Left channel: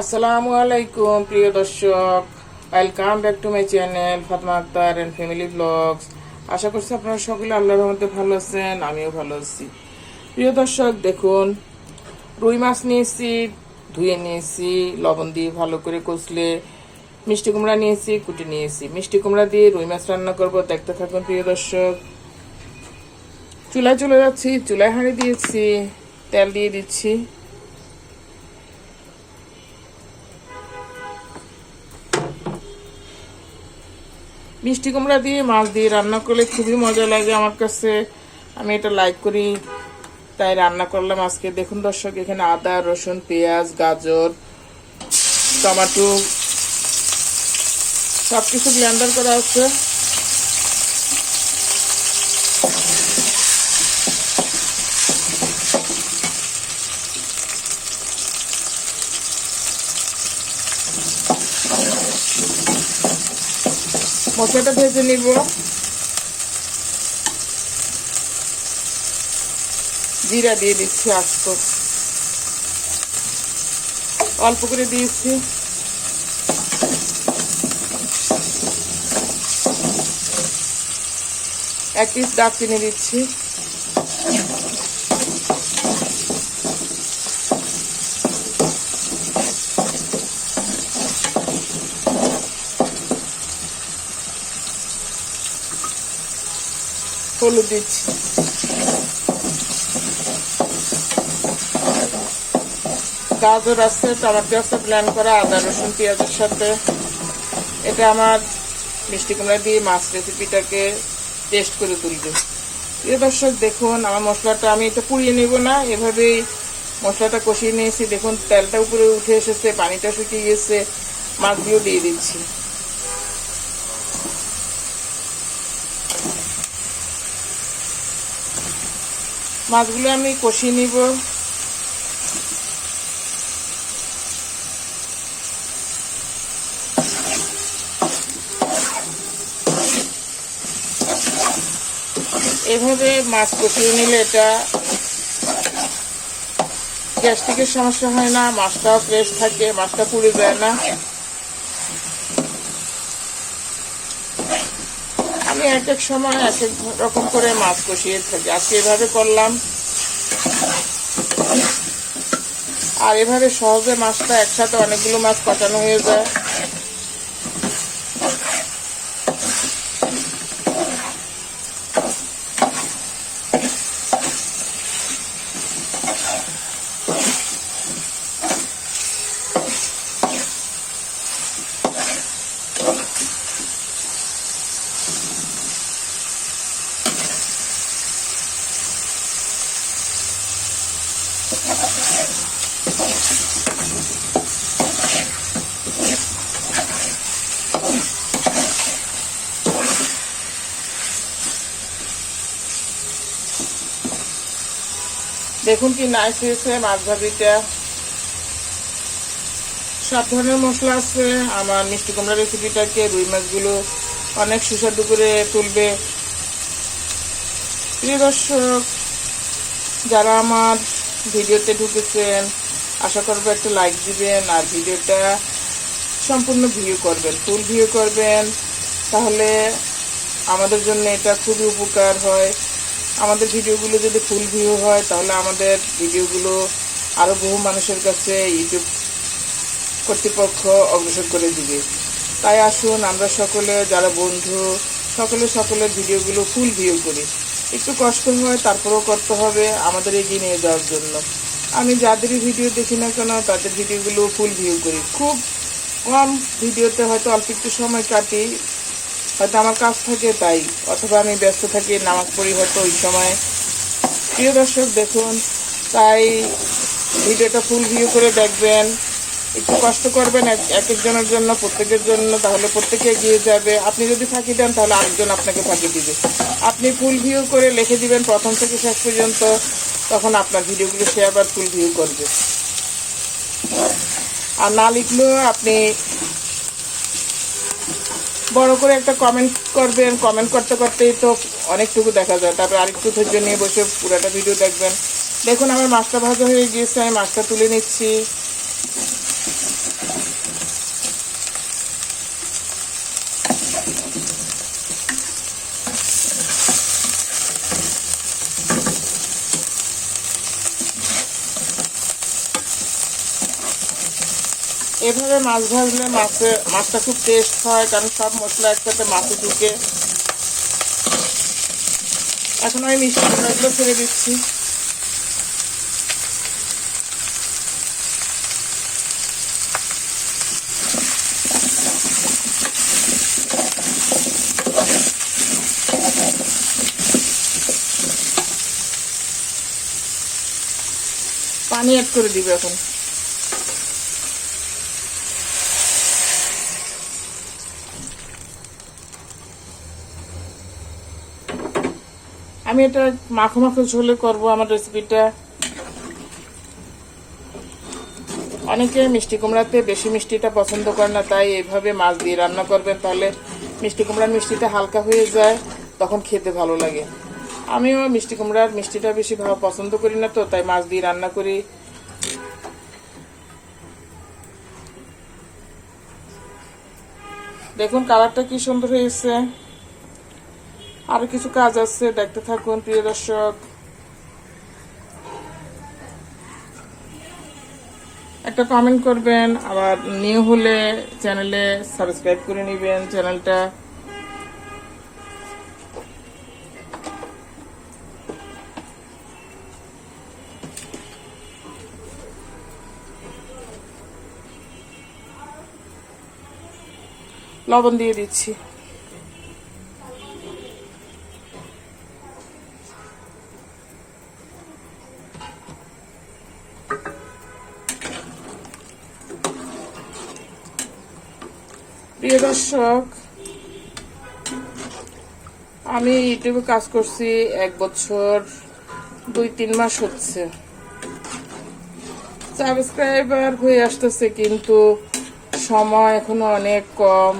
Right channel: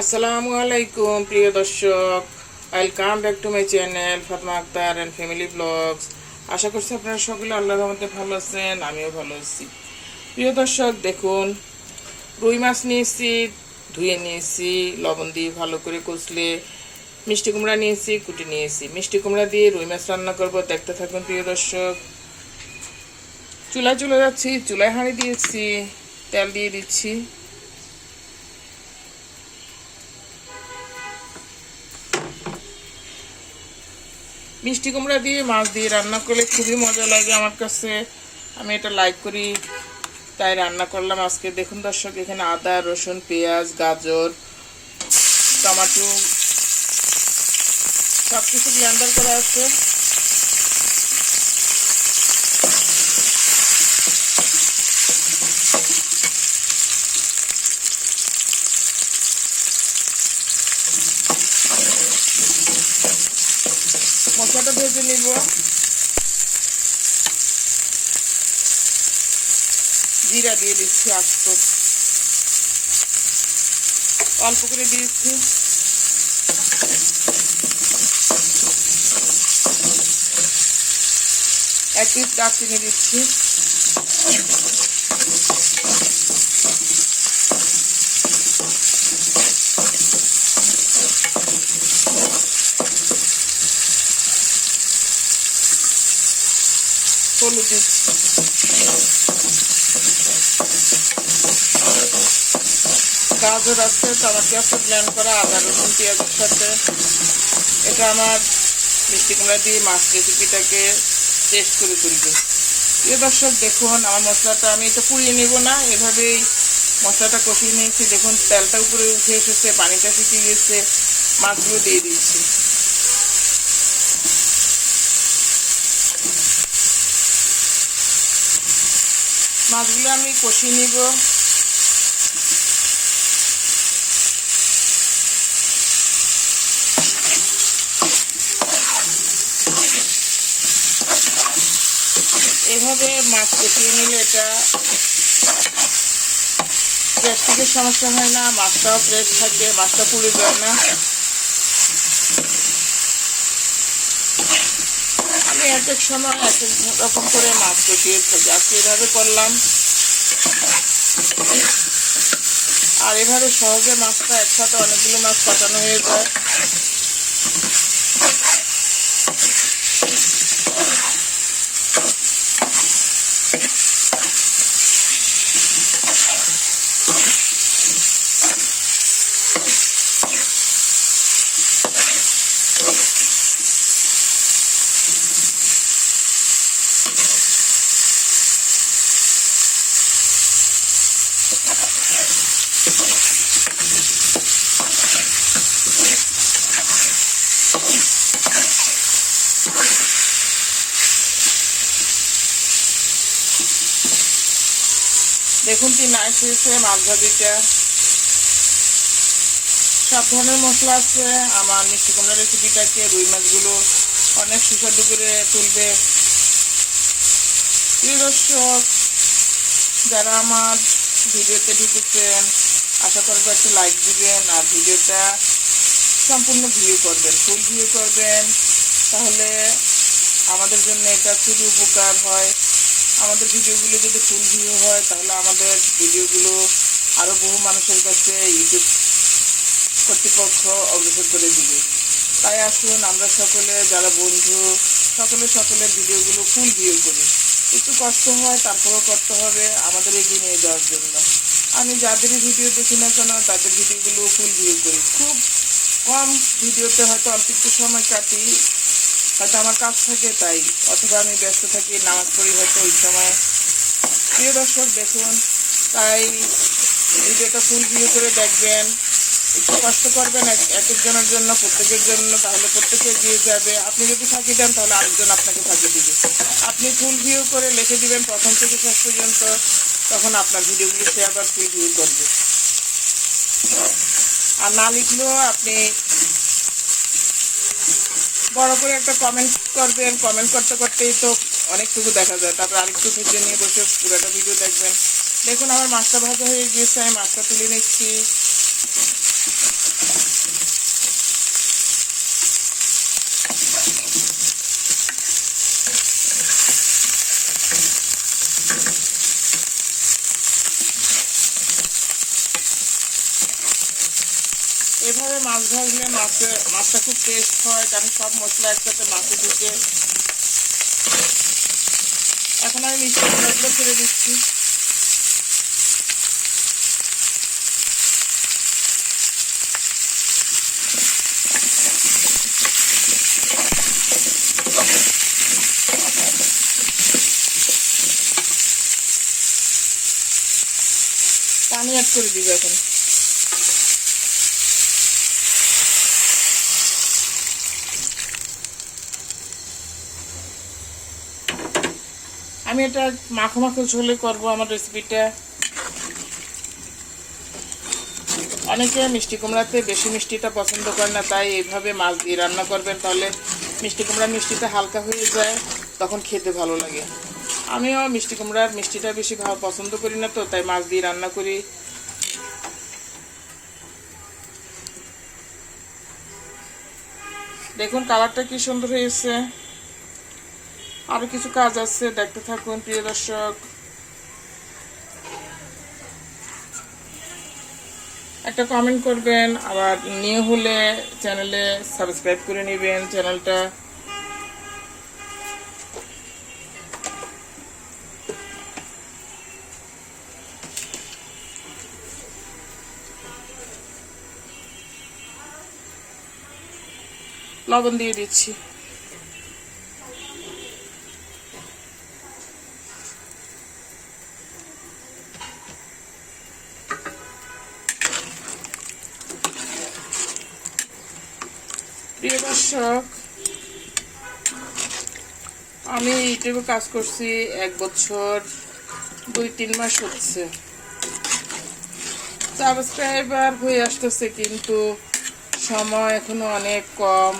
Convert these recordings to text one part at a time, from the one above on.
আসসালামু আলাইকুম, প্রিয় দর্শক। Welcome back to my channel Fatma Akter and family vlogs আশা করছি আপনারা সকলে আল্লাহর রহমতে ভালো আছেন, আমিও ভালো আছি। প্রিয় দর্শক, দেখুন, রুই মাছ নিয়েছি, ধুয়ে নিয়েছি, লবণ দিয়ে ভালো করে কষলে মিষ্টি কুমড়া নিয়েছি, কুটি নিয়েছি। মিষ্টি কুমড়া দিয়ে রুই মাছ রান্না করব, দেখতে থাকুন প্রিয় দর্শক। চুলায় চলে যাচ্ছি, চুলায় হাঁড়ি দিয়েছি, তেল দিয়ে দিচ্ছি। মিষ্টি কুমড়া দিয়ে মাছ দিয়ে রান্না করলে খুবই মজা লাগে আমার কাছে। আমি এটা লাইক করি, তাই রান্না করলাম আজকে। দেখুন দর্শক, এখানে আদা, রসুন, পেঁয়াজ, গাজর, টমাটো সব কিছু ব্লেন্ডার করা আছে। মশলাটা ভেজে নিব। জিরা দিয়ে দিচ্ছি আস্ত। অল্প করে দিয়েছি। এক পিস দারচিনি দিচ্ছি। হলুদ দিচ্ছি। গাজর আছে টমেটো আছে প্ল্যান করা, আদা, রসুন, পেঁয়াজের সাথে। এটা আমার মিষ্টি কুমড়া দিয়ে মাছ রেসিপিটাকে টেস্ট করে তুলবে। প্রিয় দর্শক, দেখুন, আমার মশলাটা আমি এটা পুড়িয়ে নেব না। এভাবেই মশলাটা কষিয়ে নিয়েছি। দেখুন, তেলটা উপরে উঠে এসেছে, পানিটা শুকিয়ে গিয়েছে মাছগুলো দিয়ে দিচ্ছি। মাছগুলো আমি কষিয়ে নিব। এভাবে মাছ কষিয়ে নিলে এটা গ্যাস্ট্রিকের সমস্যা হয় না, মাছটাও ফ্রেশ থাকে, মাছটা পুড়ে যায় না। এক এক সময় এক এক রকম করে মাছ কষিয়ে থাকি আজকে এভাবে করলাম। আর এভাবে সহজে মাছটা একসাথে অনেকগুলো মাছ কষানো হয়ে যায়। দেখুন কি নাইস হয়েছে মাছ সব ধরনের মশলা আছে, আমার মিষ্টি কুমড়া রেসিপিটাকে রুই মাছগুলো অনেক সুস্বাদু করে তুলবে। প্রিয় দর্শক, যারা আমার ভিডিওতে ঢুকেছেন আশা করব একটা লাইক দিবেন আর ভিডিওটা সম্পূর্ণ ভিউ করবেন ফুল ভিউ করবেন। তাহলে আমাদের জন্য এটা খুবই উপকার হয়। আমাদের ভিডিওগুলো যদি ফুল ভিউ হয়, তাহলে আমাদের ভিডিওগুলো আরও বহু মানুষের কাছে ইউটিউব কর্তৃপক্ষ অগ্রসর করে দিবে। তাই আসুন, আমরা সকলে, যারা বন্ধু, সকলে সকলের ভিডিওগুলো ফুল ভিউ করি। একটু কষ্ট হয়, তারপরেও করতে হবে আমাদের এগিয়ে নিয়ে যাওয়ার জন্য। আমি যাদের ভিডিও দেখি না কেন, তাদের ভিডিওগুলো ফুল ভিউ করি। খুব কম ভিডিওতে হয়তো অল্প একটু সময় কাটি, হয়তো আমার কাজ থাকে তাই, অথবা আমি ব্যস্ত থাকি, নামাজ পড়ি হয়তো ওই সময়। প্রিয় দর্শক, দেখুন, তাই ভিডিওটা ফুল ভিউ করে দেখবেন। একটু কষ্ট করবেন এক এক একজনের জন্য, প্রত্যেকের জন্য, তাহলে প্রত্যেকে এগিয়ে যাবে। আপনি যদি ফাঁকি দেন, তাহলে আরেকজন আপনাকে ফাঁকি দিবে। আপনি ফুল ভিউ করে লিখে দিবেন প্রথম থেকে শেষ পর্যন্ত, তখন আপনার ভিডিওগুলো সে আবার ফুল ভিউ করবে। আর না লিখলেও আপনি বড় করে একটা কমেন্ট করবেন। কমেন্ট করতে করতেই তো অনেকটুকু দেখা যায়। তারপর আরেকটু ধৈর্য নিয়ে বসে পুরোটা ভিডিও দেখবেন। দেখুন, আমার মাছটা ভাজা হয়ে গিয়েছে, আমি মাছটা তুলে নিচ্ছি। এভাবে মাছ ভাজলে মাছে, মাছটা খুব টেস্ট হয়, কারণ সব মশলা একসাথে মাছে ঢুকে। এখন আমি মিষ্টি কুমড়াগুলো ছেড়ে দিচ্ছি। পানি অ্যাড করে দিবে এখন। আমি এটা মাখো মাখো ঝোলে করব আমার রেসিপিটা অনেকে মিষ্টি কুমড়াতে বেশি মিষ্টিটা পছন্দ করে না, তাই এইভাবে মাছ দিয়ে রান্না করবেন, তাহলে মিষ্টি কুমড়ার মিষ্টিটা হালকা হয়ে যায়, তখন খেতে ভালো লাগে। আমিও মিষ্টি কুমড়ার মিষ্টিটা বেশি পছন্দ করি না তো, তাই মাছ দিয়ে রান্না করি। দেখুন কালারটা কি সুন্দর হয়েছে। আরও কিছু কাজ আছে, দেখতে থাকুন, প্রিয় দর্শক। একটা কমেন্ট করবেন, আবার নিউ হলে চ্যানেলে সাবস্ক্রাইব করে নেবেন চ্যানেলটা লবণ দিয়ে দিচ্ছি প্রিয় দর্শক, আমি ইউটিউবে কাজ করছি এক বছর, দুই, তিন মাস হচ্ছে। সাবস্ক্রাইবার হয়ে আসতেছে কিন্তু সময় এখনও অনেক কম।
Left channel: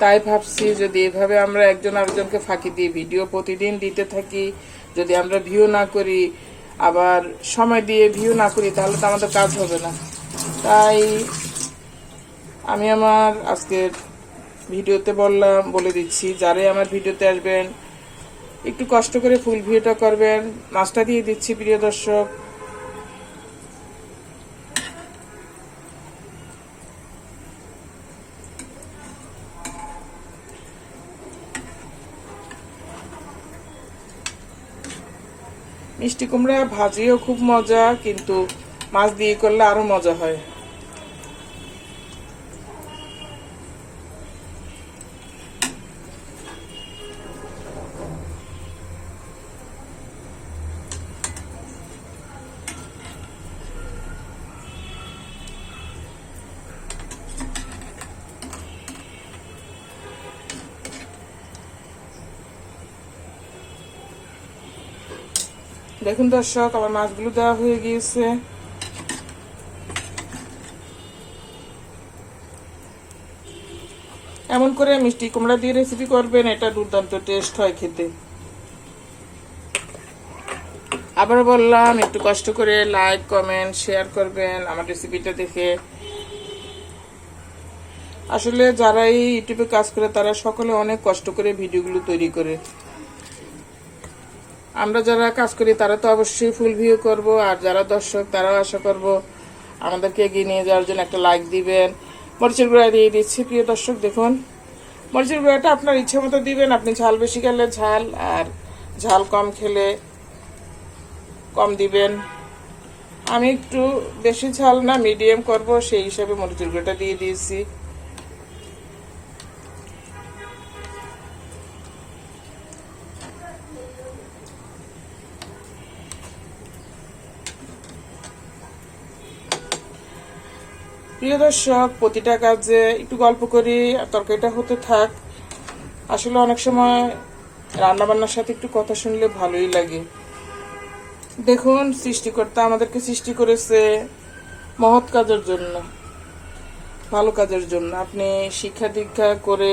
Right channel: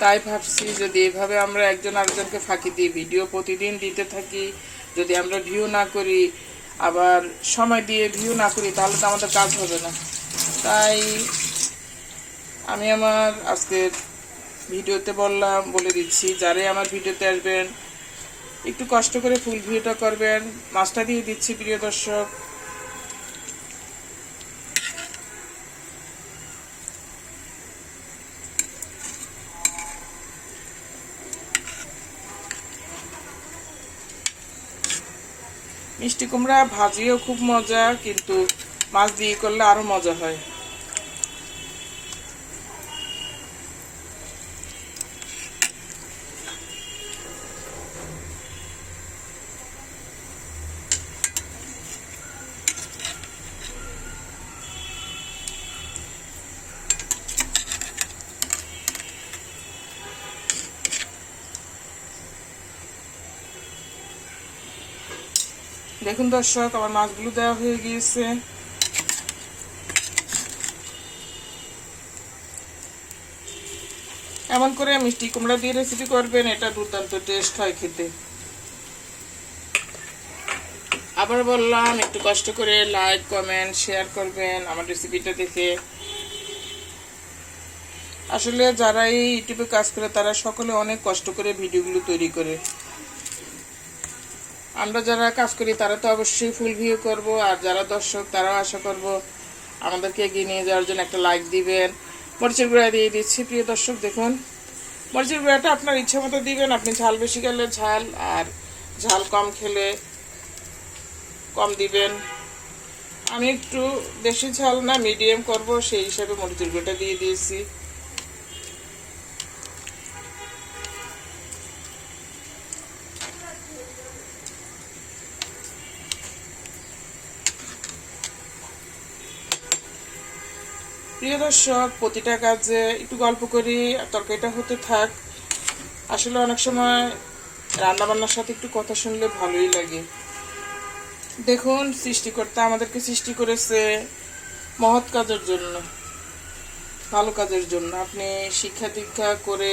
তাই ভাবছি যদি এভাবে আমরা একজন আরেকজনকে ফাঁকি দিই ভিডিও প্রতিদিন দিতে থাকি, যদি আমরা ভিউ না করি, আবার সময় দিয়ে ভিউ না করি, তাহলে তো আমাদের কাজ হবে না। তাই আমি আমার আজকের ভিডিওতে বললাম, বলে দিচ্ছি, যারাই আমার ভিডিওতে আসবেন, একটু কষ্ট করে ফুল ভিডিওটা করবেন। মাছটা দিয়ে দিচ্ছি প্রিয় দর্শক। মিষ্টি কুমড়া ভাজিও খুব মজা, কিন্তু মাছ দিয়ে করলে আরও মজা হয়। দেখুন দর্শক আমার মাছগুলো দেওয়া হয়ে গিয়েছে। এমন করে মিষ্টি কুমড়া দিয়ে রেসিপি করবেন, এটা দুর্দান্ত টেস্ট হয় খেতে। আবার বললাম, একটু কষ্ট করে লাইক কমেন্ট শেয়ার করবেন আমার রেসিপিটা দেখে। আসলে যারা এই ইউটিউবে কাজ করে, তারা সকলে অনেক কষ্ট করে ভিডিওগুলো তৈরি করে। আমরা যারা কাজ করি, তারা তো অবশ্যই ফুল ভিউ করব, আর যারা দর্শক, তারাও আশা করব আমাদেরকে এগিয়ে নিয়ে যাওয়ার জন্য একটা লাইক দিবেন। মরিচের গুঁড়া দিয়ে দিচ্ছি, প্রিয় দর্শক, দেখুন। মরিচের গুঁড়াটা আপনার ইচ্ছা মতো দিবেন, আপনি ঝাল বেশি খেলে ঝাল, আর ঝাল কম খেলে কম দিবেন। আমি একটু বেশি ঝাল না মিডিয়াম করব, সেই হিসাবে মরিচের গুঁড়োটা দিয়ে দিয়েছি। প্রিয় দর্শক, প্রতিটা কাজে একটু গল্প করি তরকারিটা হতে থাক। আসলে অনেক সময় রান্নাবান্নার সাথে একটু কথা শুনলে ভালোই লাগে। দেখুন, সৃষ্টিকর্তা আমাদেরকে সৃষ্টি করেছে মহৎ কাজের জন্য, ভালো কাজের জন্য। আপনি শিক্ষা দীক্ষা করে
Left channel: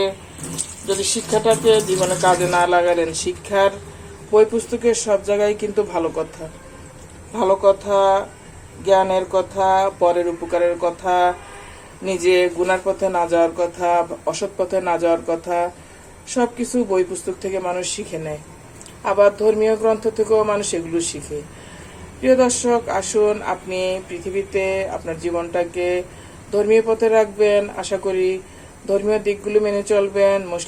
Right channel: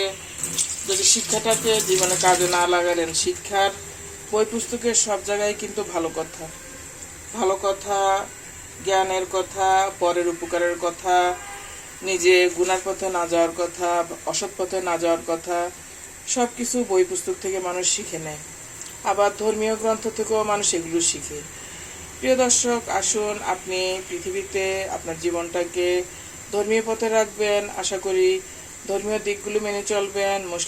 যদি শিক্ষাটাকে জীবনে কাজে না লাগালেন, শিক্ষার বই পুস্তকের সব জায়গায় কিন্তু ভালো কথা। ভালো কথা জ্ঞানের কথা, পরের উপকারের কথা, নিজে গুনার পথে না যাওয়ার কথা, অসৎ পথে না যাওয়ার কথা সব কিছু বই পুস্তক থেকে মানুষ শিখে নেয়। আবার ধর্মীয় গ্রন্থ থেকেও মানুষ এগুলো শিখে। প্রিয় দর্শক, আসুন আপনি পৃথিবীতে আপনার জীবনটাকে ধর্মীয় পথে রাখবেন। আশা করি ধর্মীয় দিকগুলো মেনে চলবেন, মুসলিম